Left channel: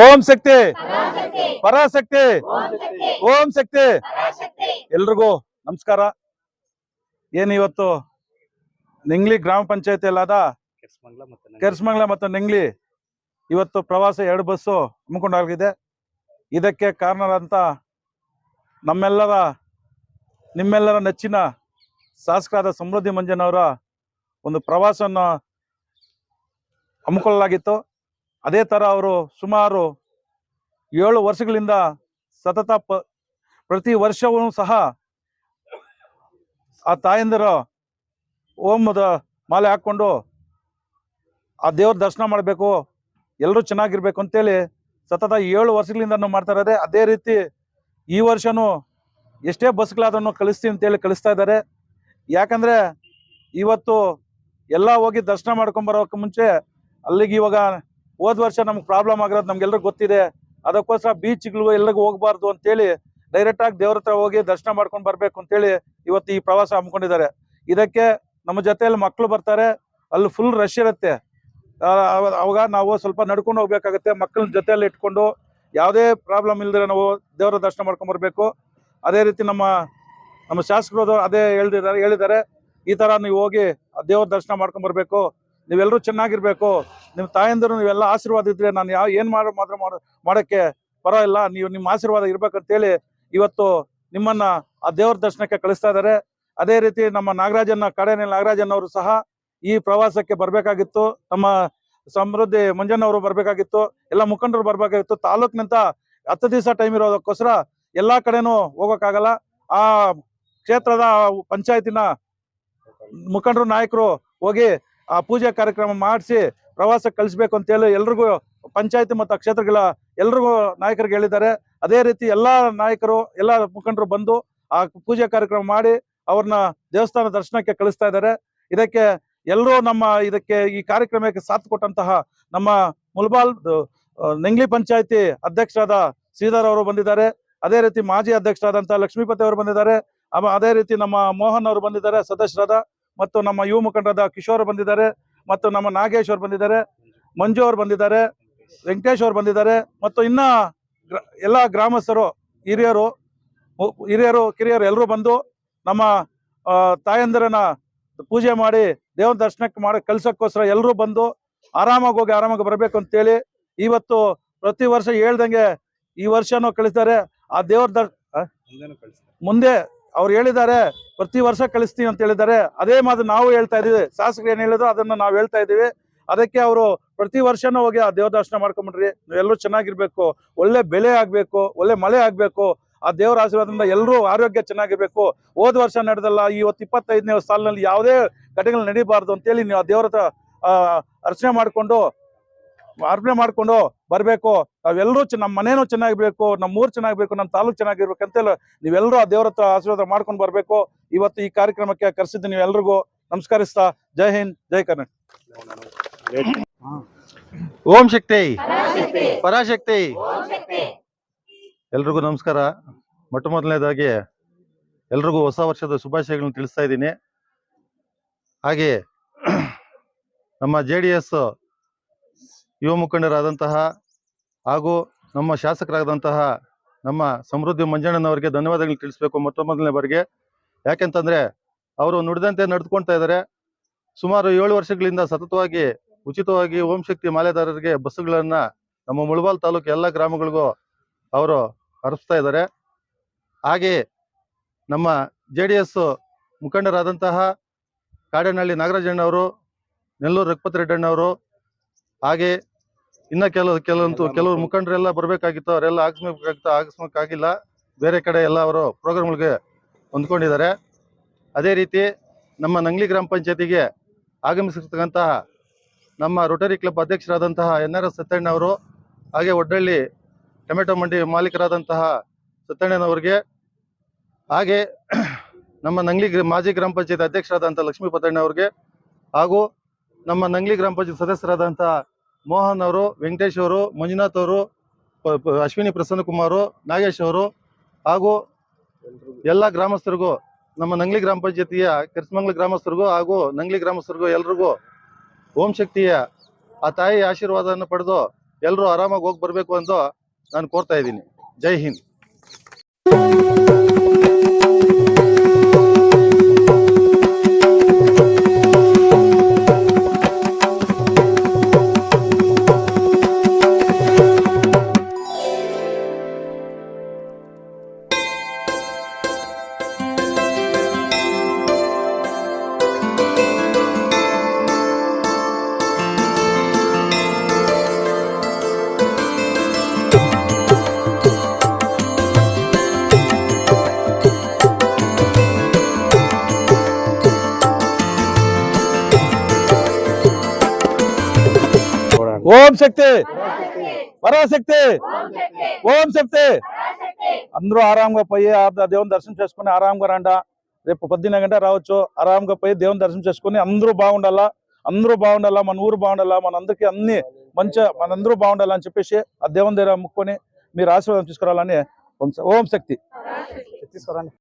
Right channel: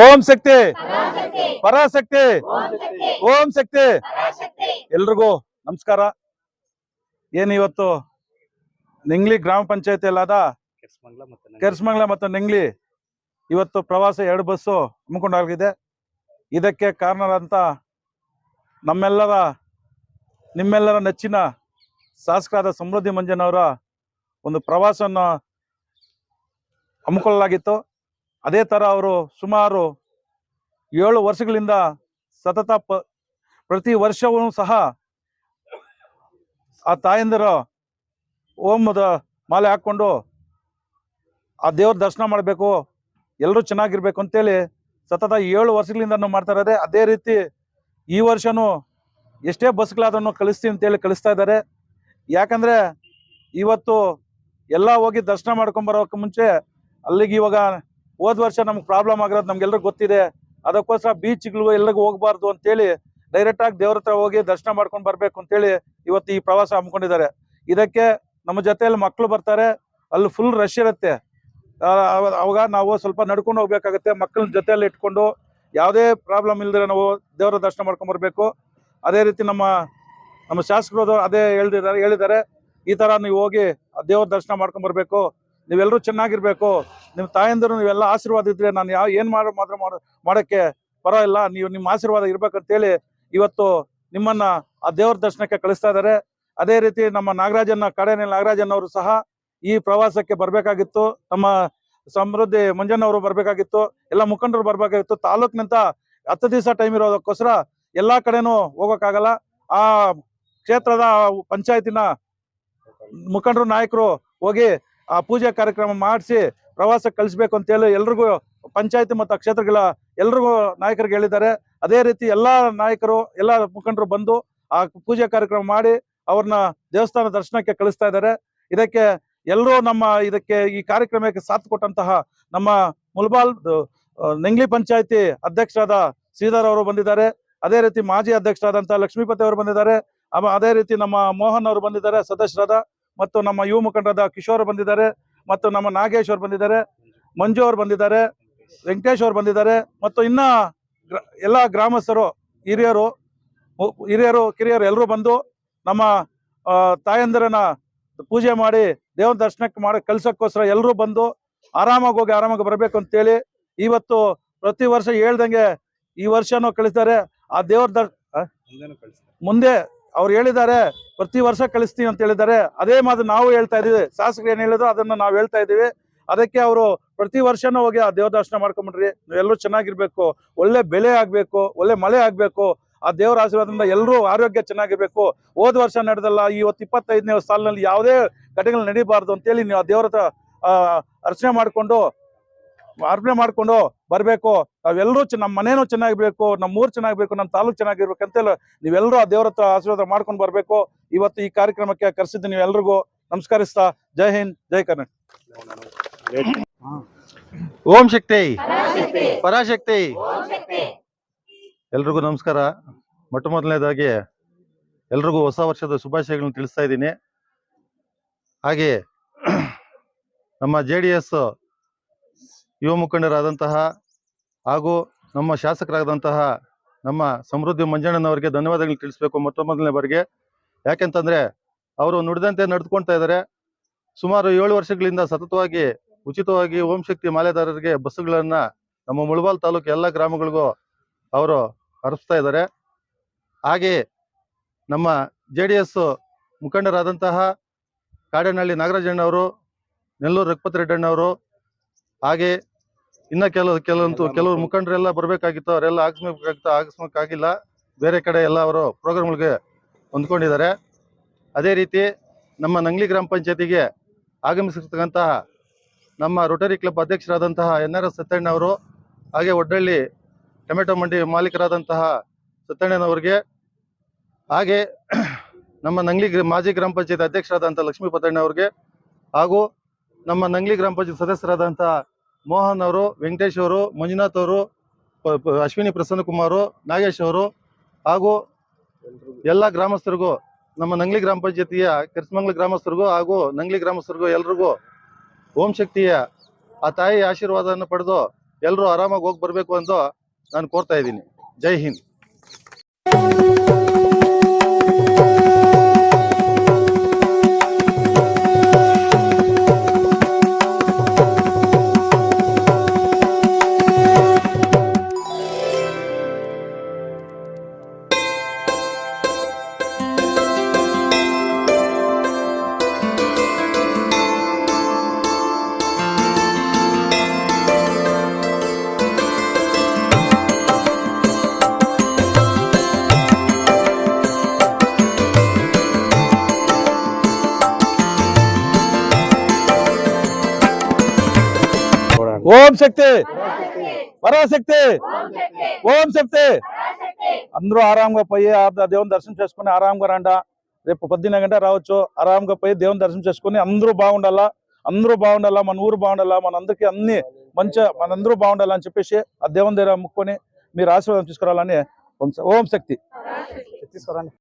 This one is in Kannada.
ಓಂ ಶಕ್ತಿ ಪರಾಶಕ್ತಿ ಓಂ ಶಕ್ತಿ ಎಲ್ರಿಗೂ ನಮಸ್ಕಾರ. ಏನು ಇವತ್ತು ನಿಂಗ್ಲಿ ಗ್ರಾಮ ಪಂಚಾಯತಿ ಅಲ್ಲಾದ ಕೆರ್ಸ್ಮಂಗ್ಲ ಮತ್ತು ನಿಂಗ್ಲಿ ಇವತ್ತು ಪ್ರವಾಸ 2 ಬಸ್ಸು ಹಮ್ಮಿಕೊಂಡಾಗಿದೆ. ಇದಕ್ಕೆ ಕಾರಣರಂತ ನಿಮ್ಮೆಲ್ಲರ ನೆಚ್ಚಿನ ಶಾಸಕರಾದ ಸಮೃದ್ಧಿ ಮಂಜನವರ ಒಂದು ಪ್ರವಾಸವನ್ನು ಹಮ್ಮಿಕೊಳ್ಳಲಾಗಿತ್ತು. ಅದೇ ಥರ ಅವರು ಸುಮಾರು 7 ವರ್ಷಗಳಿಂದ ಸತತ ಪ್ರತಿ ವರ್ಷವೂ ಸಹ ಆ ತಾಯಂದಿರ ಓಮದ ಮಾಲೆ ಹಾಕ್ಕೊಂಡು ಆ ದೇವ್ರ ದರ್ಶನ ಮಾಡಬೇಕು, ಎಲ್ಲರೂ ಚೆನ್ನಾಗಿರ್ಬೇಕು ಅಂತೇಳಿ ಸತತ 7 ವರ್ಷಗಳಿಂದ ಮಾಡ್ತಾ ಇದ್ದಾರೆ. ಅದೇ ರೀತಿ ಈ ವರ್ಷನೂ ಎಷ್ಟೇ ಬಸ್ಗಳಾದನ್ನು ಕಳಿಸ್ತೀವಿ ಅಂತೇಳಿ ಕಳಿಸ್ತಾ ಇದ್ದಾರೆ. ಯಾಕಂದರೆ ಇವತ್ತು ಎಲ್ಲ ಹೋಗಿ ದರ್ಶನ ಮಾಡ್ಕೊಂಬರೋಕ್ಕೆ ಮುಂಚೆ ಅಲ್ಲಿಗೆ ಇವಾಗ ಹೋದ ವರ್ಷ ನಮ್ಗೆ ಪ್ರಾಬ್ಲಮ್ ಆಗಿರೋದು ನಮ್ಗೆಲ್ರಿಗೂ ಗೊತ್ತಿದೆ. ಅದಕ್ಕೋಸ್ಕರ ಬೀಚ್ಗಳಿಗೂ ಎಲ್ಲಿಗೂ ಹೋಗ್ಬಾರ್ದು ಅಂತೇಳಿ ಡೈರೆಕ್ಟಾಗಿ ದೇವ್ರ ಹತ್ರ ಹೋಗಿ ದರ್ಶನ ಮಾಡ್ಕೊಂಡು ಬರಬೇಕು ಅಂತೇಳಿ ಇವತ್ತು ಈ ಪ್ರವಾಸ ಹಮ್ಮಿಕೊಂಡಿದ್ದಾರೆ. ಇದಕ್ಕೆ ನಮ್ಮ ಜೊತೆಯಲ್ಲಿ ಮಕ್ಕಳು ಬರ್ತಾರೆ, ಅಲ್ಲಿ ಫುಲ್ ರಶ್ ಇರುತ್ತೆ. ಅವಾಗ ನಾವು ಸ್ವಲ್ಪ ನಡ್ಕೊಂಡು ಹೋಗ್ಬೇಕಾಗತ್ತೆ. ಮಕ್ಕಳನ್ನ ಜೊತೆಯಲ್ಲಿ ಇಟ್ಕೊಂಡು ಯಾವುದೇ ಪ್ರಾಬ್ಲಮ್ ಇಲ್ಲದೆ ನಾವು ದೇವರ ದರ್ಶನ ಮಾಡ್ಕೊಂಡು ಬರಬೇಕು. ಅದೇ ರೀತಿ ನಮ್ಮ ಶಾಸಕರು ಅದೇ ಹೇಳಿದ್ದಾರೆ, ಈ ಥರ ನೀವು ಹೋಗಿ ದೇವ್ರ ದರ್ಶನ ಮಾಡ್ಕೊಂಡು ಬರಬೇಕು, ನೀವೆಲ್ಲರೂ ಚೆನ್ನಾಗಿರ್ಬೇಕು, ನಿಮ್ಮ ತಾಯಂದಿರು ನೀವೆಲ್ಲ ಆಶೀರ್ವಾದ ಇದ್ರೆ ನಾನು ಏನು ಮಾಡೋಕ್ಕೆ ಪರವಾಗಿಲ್ಲ, ನೀವು ನಿಮ್ಮ ಆಶೀರ್ವಾದ ಇರ್ಬೇಕಂತೇಳಿ ಇವತ್ತು ನಿಮ್ಮನ್ನ ಆ ದೇವ್ರ ದರ್ಶನಕ್ಕೆ ಕಳಿಸ್ತಾ ಇದ್ದಾರೆ. ಅದೇ ರೀತಿ ನಮ್ಮ ನಾಗರಾಜನ್ ಅವರು ಸಹ ಈ ಪ್ರವಾಸಕ್ಕೆ ಬರಬೇಕಾಗಿತ್ತು. ನಮ್ಮ ಸಮೃದ್ಧಿ ಮಂಜಣ್ಣವರು ಬರಬೇಕಾಗಿತ್ತು, ಎಲ್ಲ ಮುಖಂಡರು ಬರಬೇಕಾಗಿತ್ತು. ತಾಲೂಕಿನಂತ 10 ದಿವಸ ಟೈಮ್ ಇರೋದಕ್ಕೋಸ್ಕರ ಎಲ್ಲ ಕಡೆನೂ ಹೋಗೋಕ್ಕಾಗಲ್ಲ. ಆ ಕ್ಷೇತ್ರದ ಪಂಚಾಯತಿನ ಮುಖಂಡರು ನಾಯಕರು ಹೋಗಿ ಆ ಪೂಜೆ ಕಾರ್ಯಕ್ರಮ ಮಾಡಿಸಿ ಪ್ರವಾಸಕ್ಕೆ ಕಳಿಸ್ಬೇಕು ಅಂತೇಳಿ ಎಲ್ರಿಗೂ ಪಂಚಾಯತಿ ಮತ್ತು ಕ್ಷೇತ್ರಗಳ ಎಲ್ರಿಗೂ ನಾಯಕರಿಗೆ ಹೇಳಿದ್ದಾರೆ. ಅದೇ ರೀತಿ ಎಲ್ಲ ನಾಯಕರು ಎಲ್ಲ ಮುಖಂಡರು ಬಂದು ಆ ಪೂಜೆ ಕಾರ್ಯಕ್ರಮ ಮಾಡಿ ಅವ್ರನ್ನ ದೇವಸ್ಥಾನ ದರ್ಶನಕ್ಕೆ ಕಳಿಸ್ತಾ ಇದ್ದಾರೆ. ಇದಕ್ಕೆ ಎಲ್ಲರೂ ಈ ಕಾರ್ಯಕ್ರಮಕ್ಕೆ ಸಾಥ್ ಕೊಟ್ಟಂತಹ ನಮ್ಮ ಮುಲ್ಬಾಲ್ ನಿಂಗ್ಲಿ ಪಂಚಾಯತಿ ಅಧ್ಯಕ್ಷರಾದ ಶ್ರೀಧರ್ ಅವರು ಬಂದಿದ್ದಾರೆ. ಅದೇ ರೀತಿ ಮಾಜಿ ಅಧ್ಯಕ್ಷರಾದಂಥ ಲಕ್ಷ್ಮೀಪತಿ ಅವರು ಬಂದಿದ್ದಾರೆ. ಅದೇ ರೀತಿ ನಮ್ಮ ಮೋಹನ್ ಅವರು ಬಂದಿದ್ದಾರೆ ಸದಸ್ಯರಾದ, ಮತ್ತು ನಮ್ಮ ಯುವ ಮುಖಂಡರಾದ ಕಿಶೋರ್ ಬಂದಿದ್ದಾರೆ, ಮತ್ತು ನಮ್ಮ ನಾಗೇಶ್ ಅವರು ಬಂದಿದ್ದಾರೆ, ಮಂಜು ಅವರು ಬಂದಿದ್ದಾರೆ, ವೆಂಕಟೇಶ್ ಅವರು ಬಂದಿದ್ದಾರೆ, ಮತ್ತು ಇನ್ನ ಎಲ್ಲ ಗ್ರಾಮಸ್ಥರು ಹಿರಿಯರು ಕಿರಿಯರು ಎಲ್ಲರೂ ಬಂದು ನಮ್ಮ ತಾಯಂದಿರನ್ನ ಪೂಜೆ ಮಾಡಿ ದೇವ್ರ ದರ್ಶನಕ್ಕೆ ಕಳ್ಸೋಕ್ಕೋಸ್ಕರ ಎಲ್ಲರೂ ಬಂದು ಆರಾಮಾಗಿ ಬರಬೇಕು ಅಂತೇಳಿ ಇವತ್ತು ಪ್ರತಿ ವರ್ಷ ಹೇಳ್ದಂಗೆ ಈ ವರ್ಷನೂ ಕಳಿಸ್ತಾರೆ. ಆ ದೇವ್ರ ಮುಂದೆ ಅವ್ರು ಹೇಳಿದ್ದಾರೆ, ಪ್ರತಿ ವರ್ಷ ಕಳಿಸ್ತೀವಿ ಅಂತ ಹೇಳಿದ್ದಾರೆ. ಅದೇ ಮಾತು ನಾವು ಹೇಳ್ತಾ ಇದೀವಿ. ಶಾಸಕರು ಏನ್ ಹೇಳಿದ್ರು ಅದನ್ನ ನಾವು ಹೇಳ್ತಾ ಇದೀವಿ. ಅದಕ್ಕೆ ಅವರು ಪ್ರತಿ ವರ್ಷನೂ ಹೋಗಿ ಆ ದೇವ್ರ ದರ್ಶನ ಮಾಡ್ಕೊಂಡ್ಬಿಡ್ರಿ, ನೀವೆಲ್ಲರೂ ಚೆನ್ನಾಗಿರ್ಬೇಕು, ಒಳ್ಳೆ ಬೆಳೆ ಆಗ್ಬೇಕು, ಒಳ್ಳೆ ಮಳೆ ಆಗ್ಬೇಕು, ಆ ದೇವರ ಆಶೀರ್ವಾದದಿಂದ ಎಲ್ಲರೂ ಆರೋಗ್ಯ ಚೆನ್ನಾಗಿರ್ಬೇಕು. ಹೋದ ವರ್ಷ ನಡೆದಲ್ಲ, ಇವತ್ತು 25ನೇ ಸಾಲಿನಲ್ಲಿ ಯಾವುದೇ ಘಟನೆಗಳು ನಡೀಬಾರ್ದು ಅಂತೇಳಿ ನೀವು ಆ ದೇವರ ಅರ್ಚನೆ ಮಾಡ್ಕೊಂಡು ಬರಬೇಕು. ನಾವೆಲ್ಲರೂ ನಮ್ಮ ಮನೇನೂ ಚೆನ್ನಾಗಿರ್ಬೇಕು, ನಮ್ಮ ಊರು ಚೆನ್ನಾಗಿರ್ಬೇಕು, ನಮ್ಮ ತಾಲೂಕು ಚೆನ್ನಾಗಿರ್ಬೇಕು ಅಂತೇಳಿ ನೀವೆಲ್ಲರೂ ಆ ದೇವರ ಆಶೀರ್ವಾದ ಮಾಡ್ಕೊಂಡು ಬರಬೇಕು. ಇವತ್ತು ಈ ಕಾರ್ಯಕ್ರಮಕ್ಕೆ ಕರೆಸಿದ್ದು ನೀವೆಲ್ರಿಗೂ ನಮಸ್ಕರಿಸ್ತಾ ಜೈ ಹಿಂದ್, ಜೈ ಕರ್ನಾಟಕ. ಓಂ ಶಕ್ತಿ ಪರಾಶಕ್ತಿ ಎಲ್ರಿಗೂ ನಮಸ್ಕಾರ. ಮೊದಲನೇದಾಗಿ ಎಲ್ರಿಗೂ ಹೊಸ ವರ್ಷದ ಶುಭಾಶಯಗಳನ್ನು ತಿಳಿಸ್ತಾ ಇದ್ದೀನಿ. ಹಾಗೆ ನಮ್ಮ JDS ಯುವ ಮುಖಂಡರಾದಂತಹ ಹಾಗೂ ನಮ್ಮ ಶಾಸಕರಾದಂತಹ ನಮ್ಮ ಸಮೃದ್ಧಿ ಮಂಜಣ್ಣನವರಿಗೆ ಧನ್ಯವಾದಗಳು ತಿಳಿಸ್ಬೇಕು ಮೊದಲನೇ ಬಾರಿಗೆ. ಯಾಕೆಂತಂದ್ರೆ ಅವರು ನುಡಿದಂತೆ ನಡೆದುಕೊಳ್ತಾ ಇದ್ದಾರೆ. ಸುಮಾರು 7 ವರ್ಷಗಳಿಂದ ಸತತವಾಗಿ ಉಚಿತವಾಗಿ ಓಂ ಶಕ್ತಿ ಮಾಲೆದಾರರಿಗೆ ಬಸ್ಸುಗಳನ್ನ ನಮ್ಮ ಮುಳಬಾಲ್ ತಾಲೂಕು ಎಲ್ಲ ಗ್ರಾಮಗಳಿಗೂ ಅವರು ಹರಿಸ್ತಾ ಇದ್ದಾರೆ. ಹಾಗೆ ನಮ್ಮ JDS ಮುಖಂಡರಾದಂತಹ ಕಾಡೇನಹಳ್ಳಿ ನಾಗರಾಜಣ್ಣವರು, ನೆಲ್ಲೂರು ರಘುಪತಿ ರೆಡ್ಡಣ್ಣವರು, ಹಾಗೆ ಇನ್ನ ಕೆಲವರು ಮುಖಂಡರೆಲ್ಲ ಬರಬೇಕಾಗಿತ್ತು, ಅವರೆಲ್ಲ ಆಗಸ್ಮಕ್ಕಾಗಿಲ್ಲ, ಬೇರೆ ಕಡೆ ಎಲ್ಲ ಅವರು ಪ್ರೋಗ್ರಾಮ್ಗಳಿಗೆ ಹೊಂದ್ಕೊಂಡಿದ್ದಾರೆ. ಅದೇ ರೀತಿ ನಮ್ಮ ನಂಗ್ಲಿ ಗ್ರಾಮ ಪಂಚಾಯತಿಗೆ ಆಗಮಿಸಿರ್ತಕ್ಕಂತಹ ನಮ್ಮ ರೋಟರಿ ಕ್ಲಬ್ ಅಧ್ಯಕ್ಷರಾದಂತಹ NRS ಸತ್ಯಣ್ಣ ಅವರು, ಹಾಗೆ ಒಡ್ಡಳ್ಳಿ ಟೊಮೆಟೊ ಮಂಡಿ ಮಾಲೀಕರಾದಂತಹ ಸತ್ಯಣ್ಣನವರಿಗೆ, ಹಾಗೆ ನಮ್ಮ ನಂಗ್ಲಿ ಮಾಜಿ ಗ್ರಾಮ ಪಂಚಾಯತ್ ಅಧ್ಯಕ್ಷರಾದಂತಹ ಲಕ್ಷ್ಮೀಪತಣ್ಣ ಅವ್ರಿಗೆ, ಹಾಗೂ ನಮ್ಮ ನಂಗ್ಲಿ ಗ್ರಾಮ ಪಂಚಾಯತ್ ಸದಸ್ಯರಾದಂತಹ ಮೋಹನ್ ಅವರು, ವೆಂಕಟೇಶ್ ಅವರು, ಮಂಜುನಾಥ್ ಅವರು, ಅಶ್ವಿನಿ ಪ್ರಸನ್ನಕುಮಾರ್, ನಾಗೇಶ್ ಅವರು, ಹಾಗೂ ಎಲ್ಲ ಗ್ರಾಮಸ್ಥರಿಗೂ, ನಮ್ಮ ನಂಗ್ಲಿ ಗ್ರಾಮ ಪಂಚಾಯತಿಯ ಕೆರ್ಸ್ಮಂಗ್ಲ ಗ್ರಾಮಸ್ಥರಿಗೂ ಹಾಗೂ ನಂಗ್ಲಿ ಗ್ರಾಮಸ್ಥರಿಗೂ ಎಲ್ರಿಗೂ ಓಂ ಶಕ್ತಿಯ ಆ ತಾಯಿ ಆಶೀರ್ವಾದವನ್ನು ಪಡೆದು ಎಲ್ಲರೂ ಆರಾಮಾಗಿ ಹೋಗಿ ಬರ್ಬೇಕು ಅಂತ ನಾನು ಕೋರ್ತಾ ಇದ್ದೀನಿ. ಜೈ ಹಿಂದ್. ఓం శక్తి పరాశక్తి ఓం శక్తి. అందరూ ఆరాంగా పోయి ఆ దేవుని దర్శనం చేసుకుని ఆరాంగా రండ. రేపు 12 గంట రావచ్చు. ఆరాంగా పోయి దేవుని దర్శనం చేసుకుని అందరూ బాగుండాలా, మన ఊరు బాగుండాలా, మనందరికీ అన్ని మనందరూ బాగుండాలని చెప్పేసి ఆ దేవుని దగ్గర ముక్కొని మీరు ఆశీర్వాదం తీసుకురావాలని. ఓం శక్తి తీసుకురండి.